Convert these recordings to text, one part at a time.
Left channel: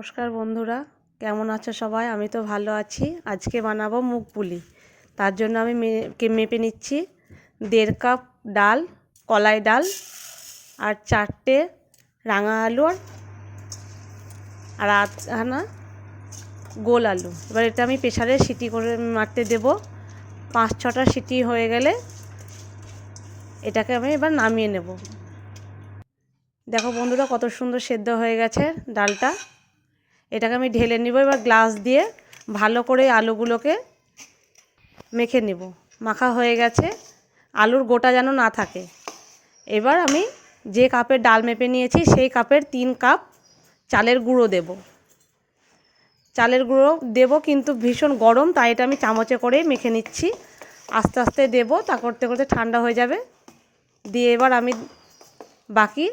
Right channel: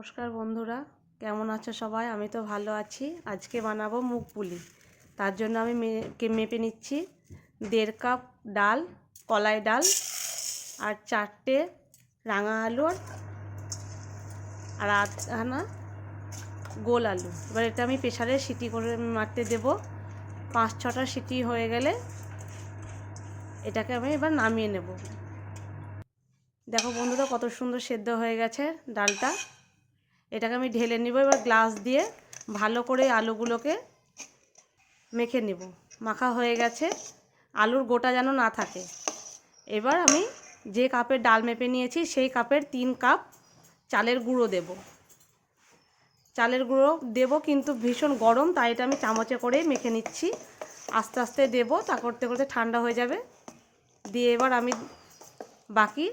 নমস্কার বন্ধুরা, কেমন আছো সবাই? আমি তো ভালো আছি। আজকে বানাবো মুগ পুলি। তার জন্য আমি মেপে নিচ্ছি 1.5 কাপ ডাল, কলাই ডাল, আর 4টে রাঙা আলু, আর আধখানা গোল আলু। এবার এটা আমি প্রেসারে সিটি করে মারতে দেব। 5-6টা সিটি হয়ে গেলে এটাকে আমি এবার নামিয়ে নেব। দেখো বন্ধুরা, কত সুন্দর সেদ্ধ হয়ে গেছে ডালটা। এটাকে আমি ঢেলে নিব। এবার গ্লাস দিয়ে ভালো করে আলুগুলোকে মেখে নেব। মাখা হয়ে গেছে, আলুর গোটা যেন না থাকে। এবার আমি যে কাপের ডাল মেপে নিয়েছি সেই কাপের 3 কাপ চালের গুঁড়ো দেব। চালের গুঁড়ো দেব, কিন্তু ভীষণ গরম, তাই এটা আমি চামচে করেই মেখে নিচ্ছি। আস্তে আস্তে দেব, তা করতে করতে ঠান্ডা হয়ে যাবে। দিয়ে এবার আমি বাকি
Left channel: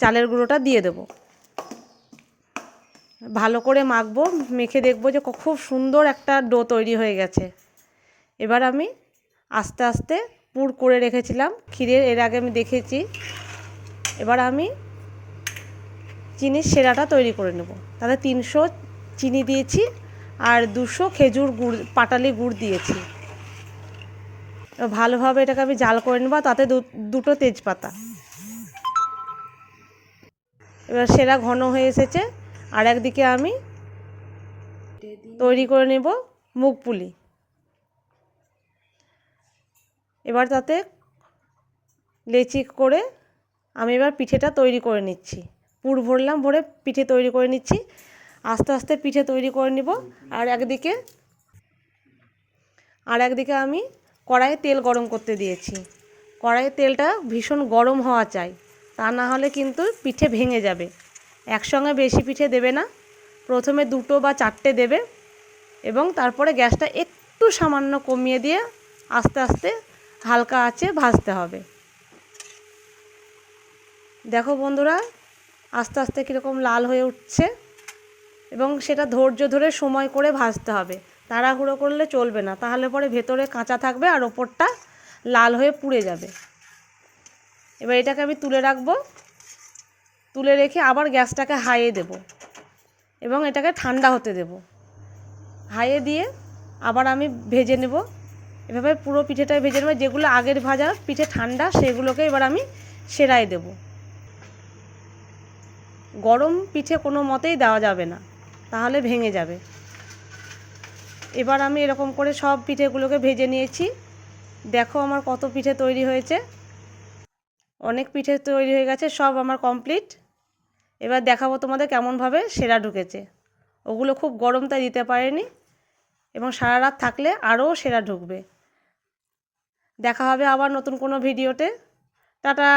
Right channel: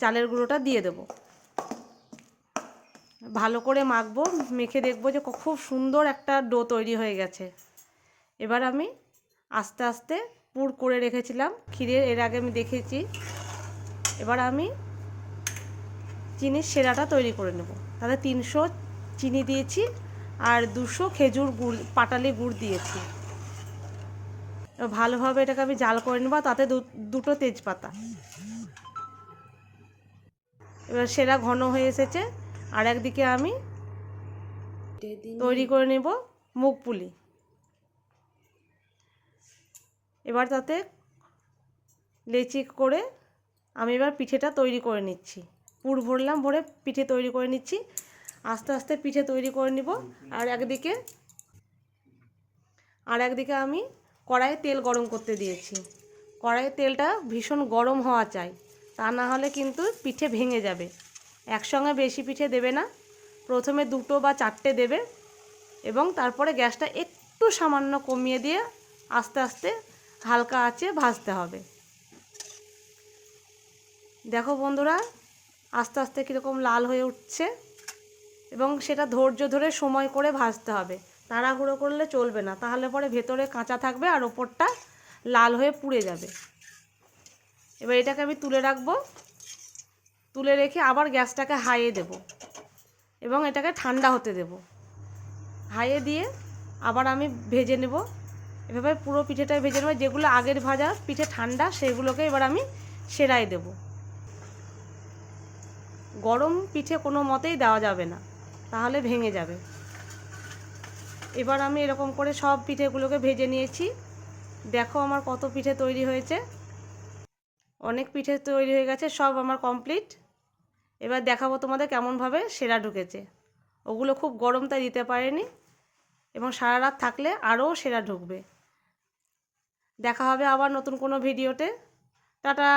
চালের গুঁড়োটা দিয়ে দেব। ভালো করে মাখবো, মেখে দেখবো যে খুব সুন্দর একটা ডো তৈরি হয়ে গেছে। এবার আমি আস্তে আস্তে পুর করে রেখেছিলাম ক্ষীরের, এর আগে আমি দেখেছি। এবার আমি চিনির সেরাটা তৈরি করে নেব। তাহলে 300 চিনি দিয়েছি আর 200 খেজুর গুড়, পাটালি গুড় দিয়েছি। ভালোভাবে এটাকে আমি জাল করে নেব। তাতে দুটো তেজপাতা। এবার সেরা ঘন হয়ে এসেছে। আর একদিকে আমি তৈরি করে নেব মুগ পুলি। এবার তাতে লেচি করে আমি এবার পিঠেটা তৈরি করে নিচ্ছি। পুর ভরলাম, ভরে পিঠে তৈরি করে নিচ্ছি। আস্তে আস্তে পিঠে তৈরি করে নিব। আর একদিকে আমি কড়াইয়ে তেল গরম করতে দিয়েছি। কড়াইয়ের তেলটা ভীষণ গরম হওয়া চাই, তা না হলে কিন্তু পিঠে ভেঙে যাবে। একসঙ্গে বেশি পিঠে দেবে না, প্রথমে 2 বা 4টে দেবে এবং তারপরে গ্যাসটা একটু সামান্য কমিয়ে দিয়ে আস্তে আস্তে হালকা আঁচে ভাজতে হবে। দেখো বন্ধুরা, আস্তে আস্তে কীরকম লাল হয়ে উঠছে, এবং সেটা ধৈর্য ধরে সময় করে ভাজতে হবে। তাড়াহুড়ো করলে চলবে না, তাহলে পরে ভেতরে কাঁচা থাকবে আর ওপরটা লাল হয়ে পুড়ে যাবে। এবার এটাকে আমি তুলে রাখবো। তুলে রেখে আবার গ্যাসটাকে হাইয়ে দেব এবং এটাকে ঠান্ডা হতে দেব। হাইয়ে দিয়ে আবার আমি ভেজে নেব। এভাবে পুরো পিঠেটাই ভেজে নেব। যেগুলো আগের ভাজা পিঠে ঠান্ডা, সেগুলোকে এবার আমি সেরাই দেব। গরম পিঠে কোনো মতেই দেওয়া যাবে না, তাহলে ভেঙে যাবে। এবার আমি এরকম করে সব পিঠেগুলোকে ভেজে নিয়েছি। দেখো আমার কত পিঠে তৈরি হয়েছে। অনেক পিঠে তৈরি হয়ে গেছে, সব আমার কমপ্লিট। এবার দেখাবো তোমাদের কেমনভাবে সেরা ঢুকেছে। ওগুলো খুব গরম, তাই দিতে পারেনি, এবং সারা রাত থাকলে আরও সেরা ঢুকবে। দেখা হবে আবার নতুন কোনো ভিডিওতে। টাটা।